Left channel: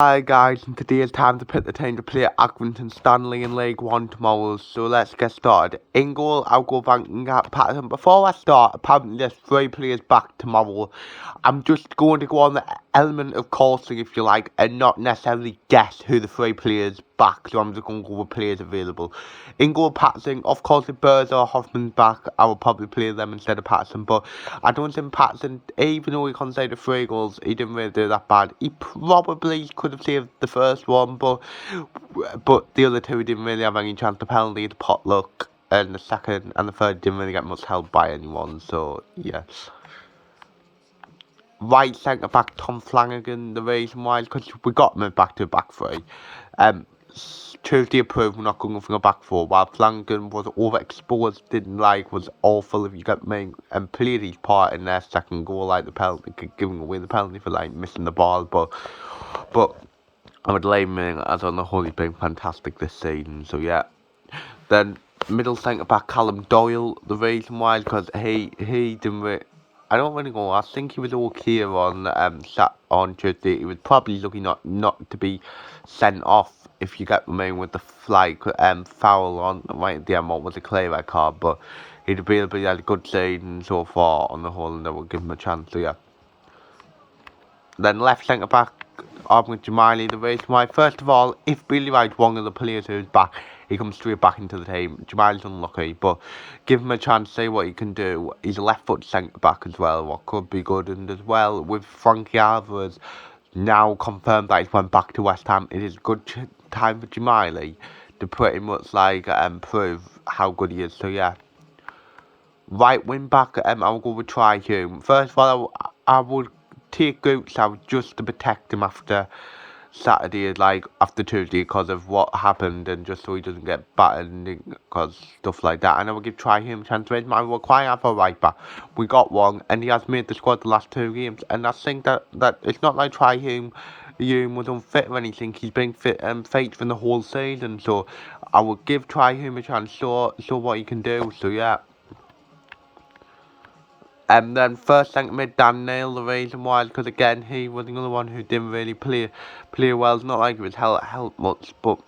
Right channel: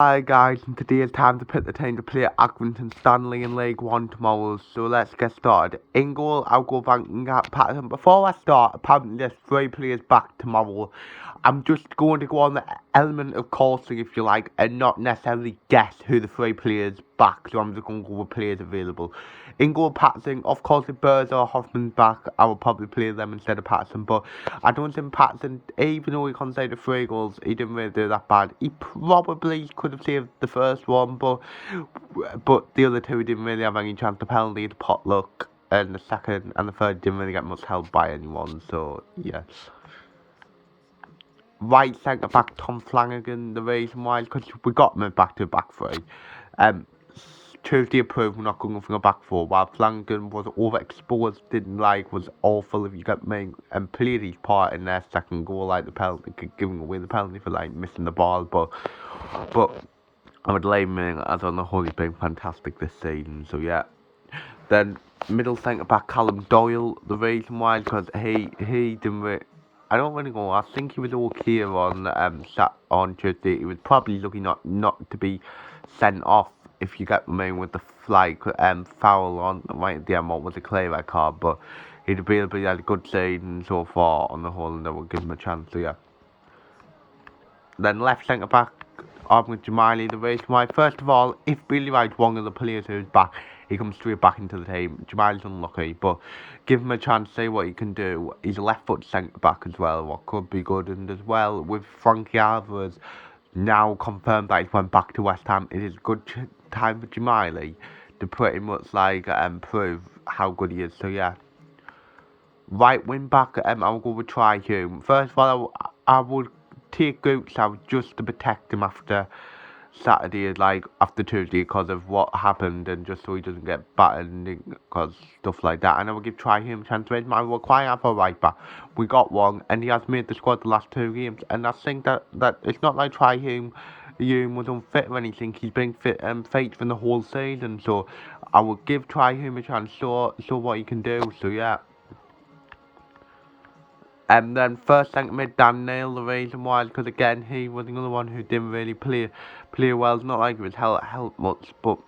Hi guys, and today is time to pick the team to play at Accrington Stanley in League One tomorrow, so let's get started. In goal, I'll go back and get Patterson. Before I start, apparently there's 3 players back tomorrow. I'm just going to go on the element of caution, if you like, and not necessarily guess who the 3 players back, so I'm just going to go with players available. In goal, Patterson. Of course, if Burrs or Hoffman's back, I will probably play them instead of Patterson, but I don't think Patterson, even though he conceded 3 goals, he didn't really do that bad. He probably could have saved the first one, but the other 2 didn't really have any chance. The penalty, the pot luck, and the second and the third didn't really get much help by anyone, so yeah. Right centre back Tom Flanagan, the reason why is because we got him back to back 3. Tuesday approved, we're not going for a back 4, while Flanagan was overexposed, was awful, if you get me, and played his part in their second goal, like the penalty, giving away the penalty for missing the ball, but I would lay him in as on the whole. He's been fantastic this season, so yeah. Then middle centre back Callum Doyle, the reason why is because he didn't really, I don't really know. I think he was okay on Tuesday. He was probably looking not to be sent off, if you get me, with the flag foul on right at the end. What was a clear red card, but he'd really had a good season so far on the whole, and that would give him a chance. So yeah. Then left centre back, with Jamali, the reason why. First of all, if Billy Wright's one of the players who's back, he comes straight back into the team. Jamali's unlucky, but give him a chance, see what he can do. He's a left foot centre back as well, what could be good. And as well, with Frankie Alvarez now confirmed that he's went back to West Ham, it is a good time for Jamali to pretty much prove how good he is. So yeah. Right wing back, I'll go with Try Hume. First of all, I would take Goots out just to protect him after Saturday, after Tuesday, because of what happened, and just so he doesn't get battered, because stuff like that. And I will give Try Hume a chance to raise my require for right back. We got one, and he has made the squad the last 2 games, and I think that it's not like Try Hume was unfit or anything. He's been fit for the whole season, so I will give Try Hume a chance, show what he can do. So yeah. And then first centre mid Dan Neil, the reason why is because again he was another one who didn't really play well. It's not like he was helped much, but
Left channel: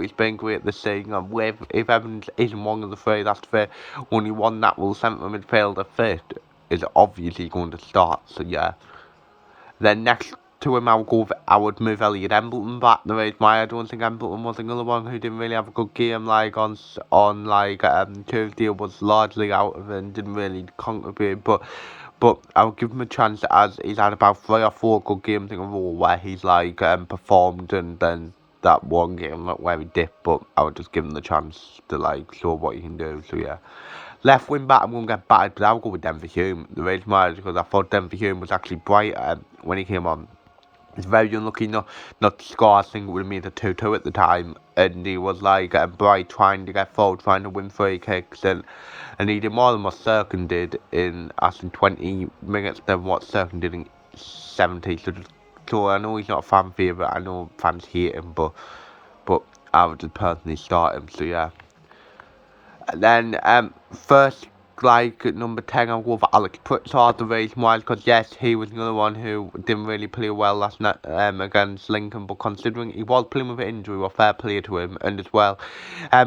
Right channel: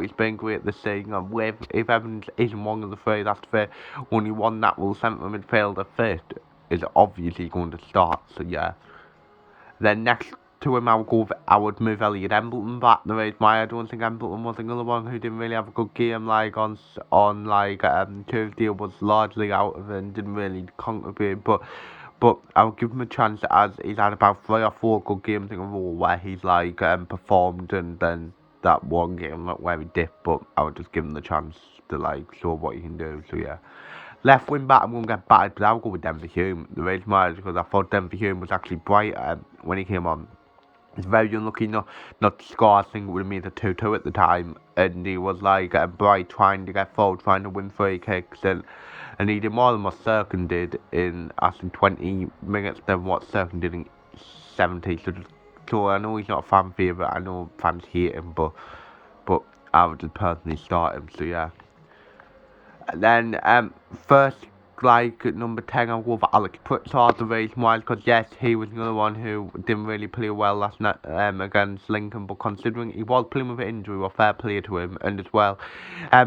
he's been great this season. And if Evans isn't one of the 3, that's fair. Only one natural centre midfielder fit is obviously going to start. So yeah. Then next to him, I would move Elliot Embleton back. The reason why I don't think Embleton was another one who didn't really have a good game on Tuesday, was largely out of it and didn't really contribute. But I'll give him a chance, as he's had about 3 or 4 good games in a row where he's performed, and then that one game where he dipped. But I would just give him the chance to show what he can do. So yeah. Left wing back, I'm going to get battered, but I'll go with Denver Hume. The reason why is because I thought Denver Hume was actually bright when he came on. He's very unlucky not to score. I think it would have made a 2-2 at the time. And he was bright, trying to get forward, trying to win free kicks. And he did more than what Serkin did in 20 minutes than what Serkin did in 70. So I know he's not a fan favourite. I know fans hate him, but I would just personally start him. So yeah. And then first number 10, I'll go for Alex Pritchard, the reason why, because yes, he was another one who didn't really play well last night against Lincoln, but considering he was playing with an injury, well, fair play to him. And as well,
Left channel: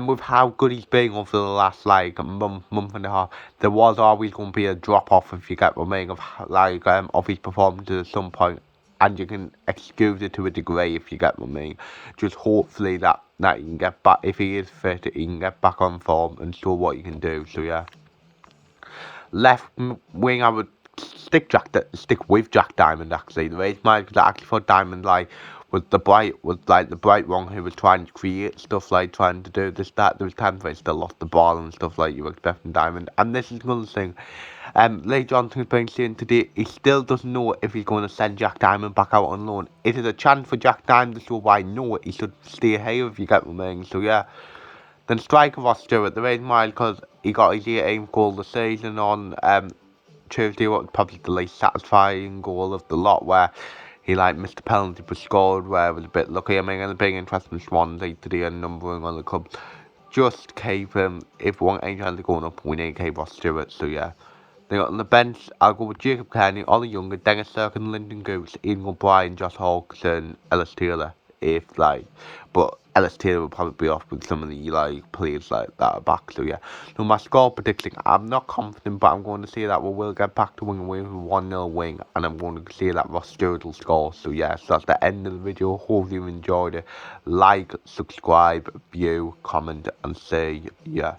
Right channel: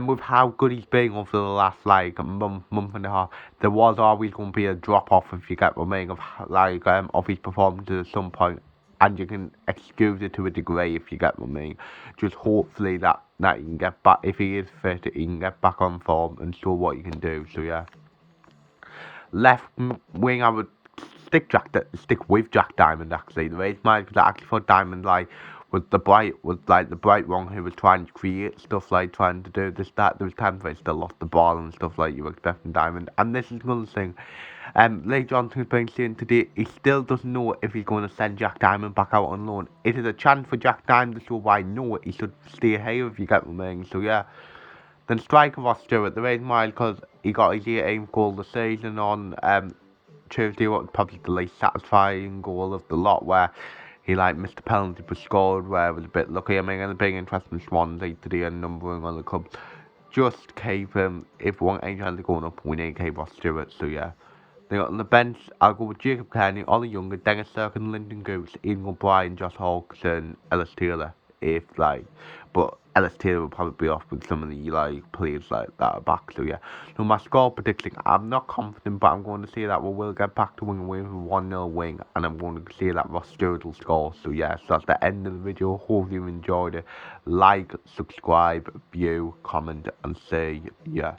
with how good he's been over the last month and a half, there was always going to be a drop off, if you get what I mean, of his performances at some point. And you can excuse it to a degree, if you get what I mean. Just hopefully that he can get back, if he is fit, he can get back on form and show what he can do. So yeah. Left wing, I would stick with Jack Diamond, actually. The reason why, because I actually thought Diamond was the bright one who was trying to create stuff, trying to do this, that. There was times where he still lost the ball and stuff you were expecting Diamond. And this is another thing. Lee Johnson's been saying today he still doesn't know if he's going to send Jack Diamond back out on loan. Is it a chance for Jack Diamond to show why no, he should stay here, if you get what I mean? So yeah. Then striker Ross Stewart, the reason why, because he got his 18th goal of the season on Tuesday, what was probably the least satisfying goal of the lot, where he missed the penalty but scored, where it was a bit lucky. I mean, and a big interest in Swansea today and numbering on the club. Just keep him, if we want any chance of going up, we need to keep Ross Stewart. So yeah. Then on the bench, I'll go with Jacob Kearney, Ollie Younger, Dennis Durkin, Lyndon Goose, Ian O'Brien, Josh Hawkinson, Ellis Taylor. But Ellis Taylor will probably be off with some of the players like that are back. So yeah, so my score prediction, I'm not confident, but I'm going to say that we will get back to winning away with a 1-0 win, and I'm going to say that Ross Stewart will score. So yeah, so that's the end of the video. Hope you enjoyed it. Like, subscribe, view, comment, and say yeah.